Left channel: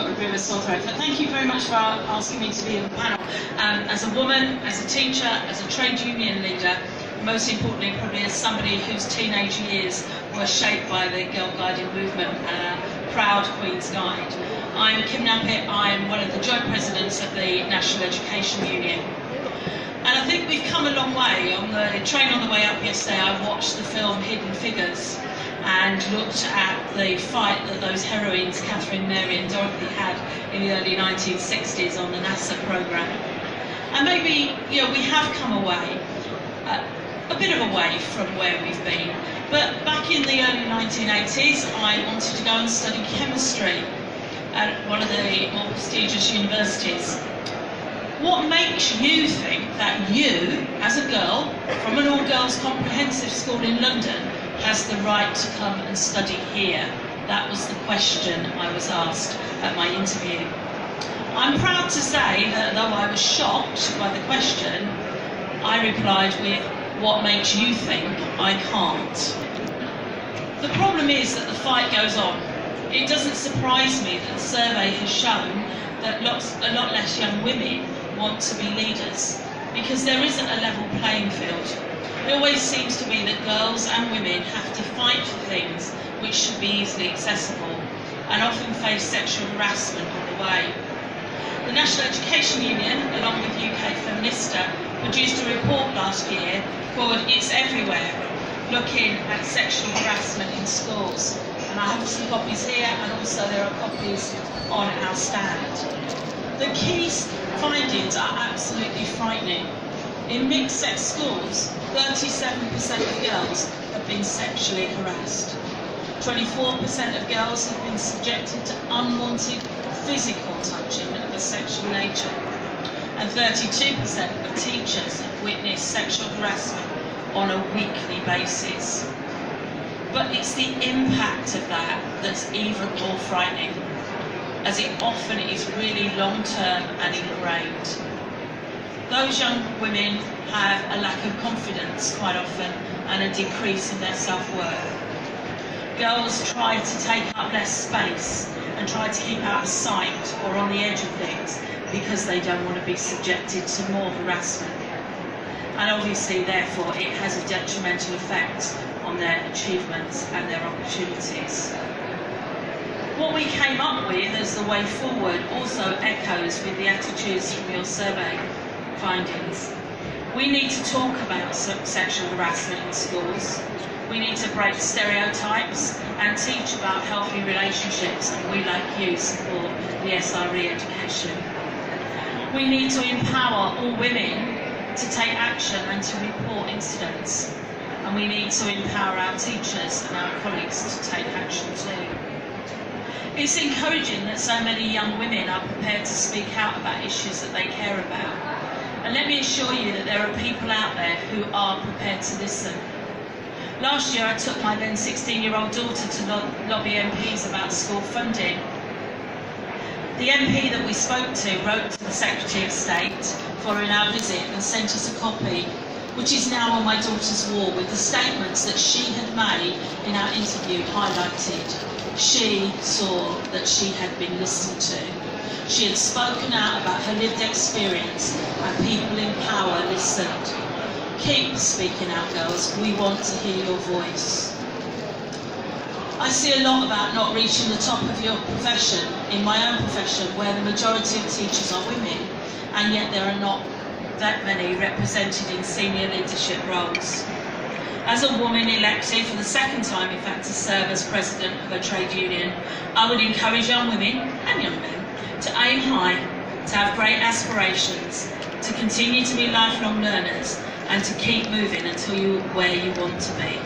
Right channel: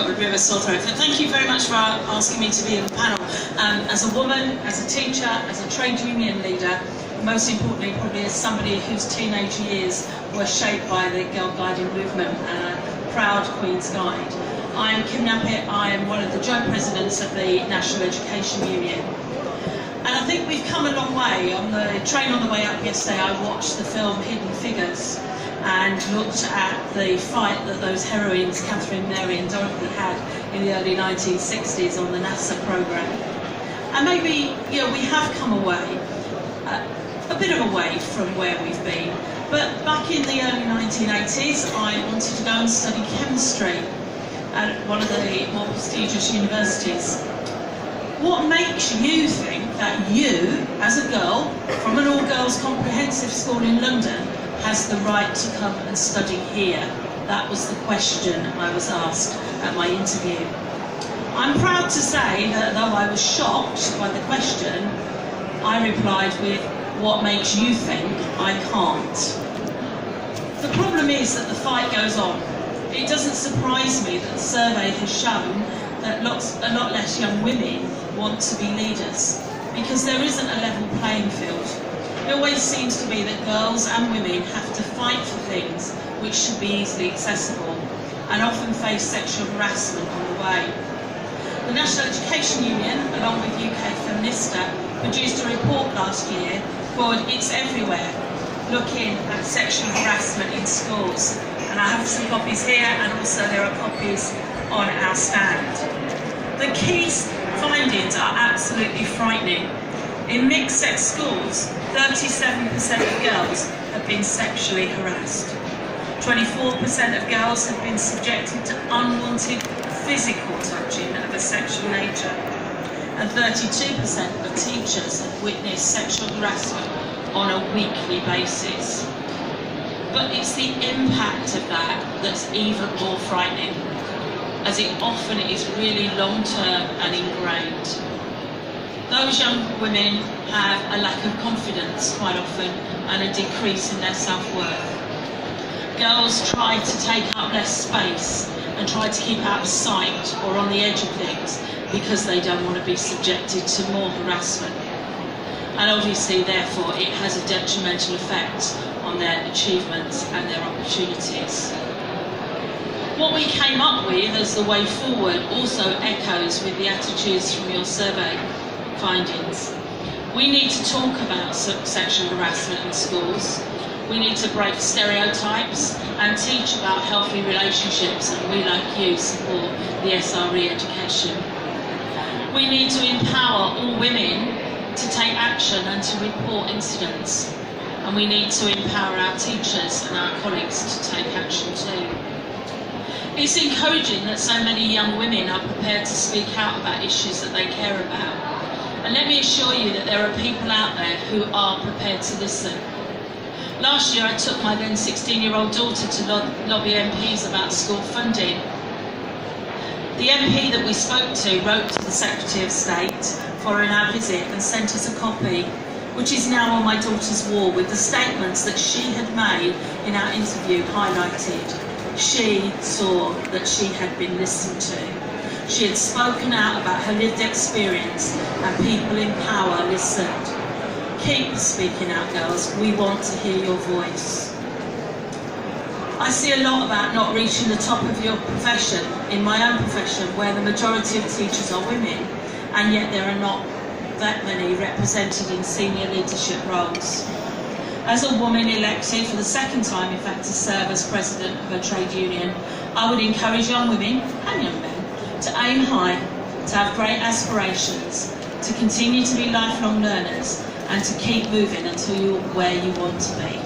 got a bit of a sore throat. Thank you very much for asking me to be on the panel. As a woman, as a teacher, as a trade union leader, most importantly probably as somebody whose teenage years were shaped by the Girl Guiding movement and a proud Queen's Guide. I am Kim Nappett. I am one of the joint presidents of the National Education Union. And I think we've come a long way. On the train on the way up yesterday, I watched the film Hidden Figures and looked at the fight that those heroines, Catherine, Mary and Dorothy, had in the early 1960s on the NASA programme. And maybe, we have come away, a bit of a way from where we've been. But back in the early 1980s, I wanted to go and study chemistry at one of the more prestigious universities. What makes you think that you, as a girl from an all-girls comprehensive school in London, has the right to come and study here? That was the question I was asked at my interview. I'm proud to say that though I was shocked by the question, I replied with, what makes you think I can't? The problem is that the fight goes on. It doesn't surprise me that the survey has shown that a lot less young women want to be leaders, because there isn't a level playing field. It always seems to be that girls and women have to fight for things which should be easily accessible, and often face sexual harassment on the way. The National Education Union, along with UK Feminista, produced a report last year called It's Everywhere, looking at sexual harassment in schools. And I have some copies here, and also there are copies on our stand. The key findings are absolutely frightening. In mixed-sex schools, 37% of girls have been sexually harassed. 24% of girls have been subjected to unwanted physical touching of a sexual nature. And 32% of teachers have witnessed sexual harassment on a weekly basis. But it's the impact of that that's even more frightening, as it often is really long-term and ingrained. Those young women have a lack of confidence quite often, and a decrease in their self-worth. Girls try to take up less space and try to keep out of sight or on the edge of things because they don't want to be subjected to more harassment. And obviously, therefore, it has a detrimental effect on their achievements and their opportunities. What we came up with as the way forward also echoes with the attitudes from your survey findings. We need to talk about sexual harassment in schools. We need to break stereotypes and teach about healthy relationships, and we, like you, support the SRE education. We need to empower all women to take action and to report incidents. And we need to empower our teachers and our colleagues to take action too. It's encouraging that so many young women are prepared to speak out about issues that they care about. And let me assure you that there are people out there who are prepared to listen. Last year I took my then 16-year-old daughter to lobby MPs about school funding. The MP that we spoke to wrote to the Secretary of State following our visit and sent us a copy, which is now on my daughter's wall, with the statements that she had made in our interview highlighted. She saw that she had been listened to. She had spoken out about her lived experience, and people in power listened. Keep speaking out, girls. We want to hear your voice. I see a lot about not reaching the top of your profession in my own profession, where the majority of teachers are women, and yet there are not that many represented in senior leadership roles. As a woman elected for the second time, in fact, to serve as president of a trade union, I would encourage young women and young men to aim high, to have great aspirations, to continue to be lifelong learners, and to keep moving until you're where you want to be.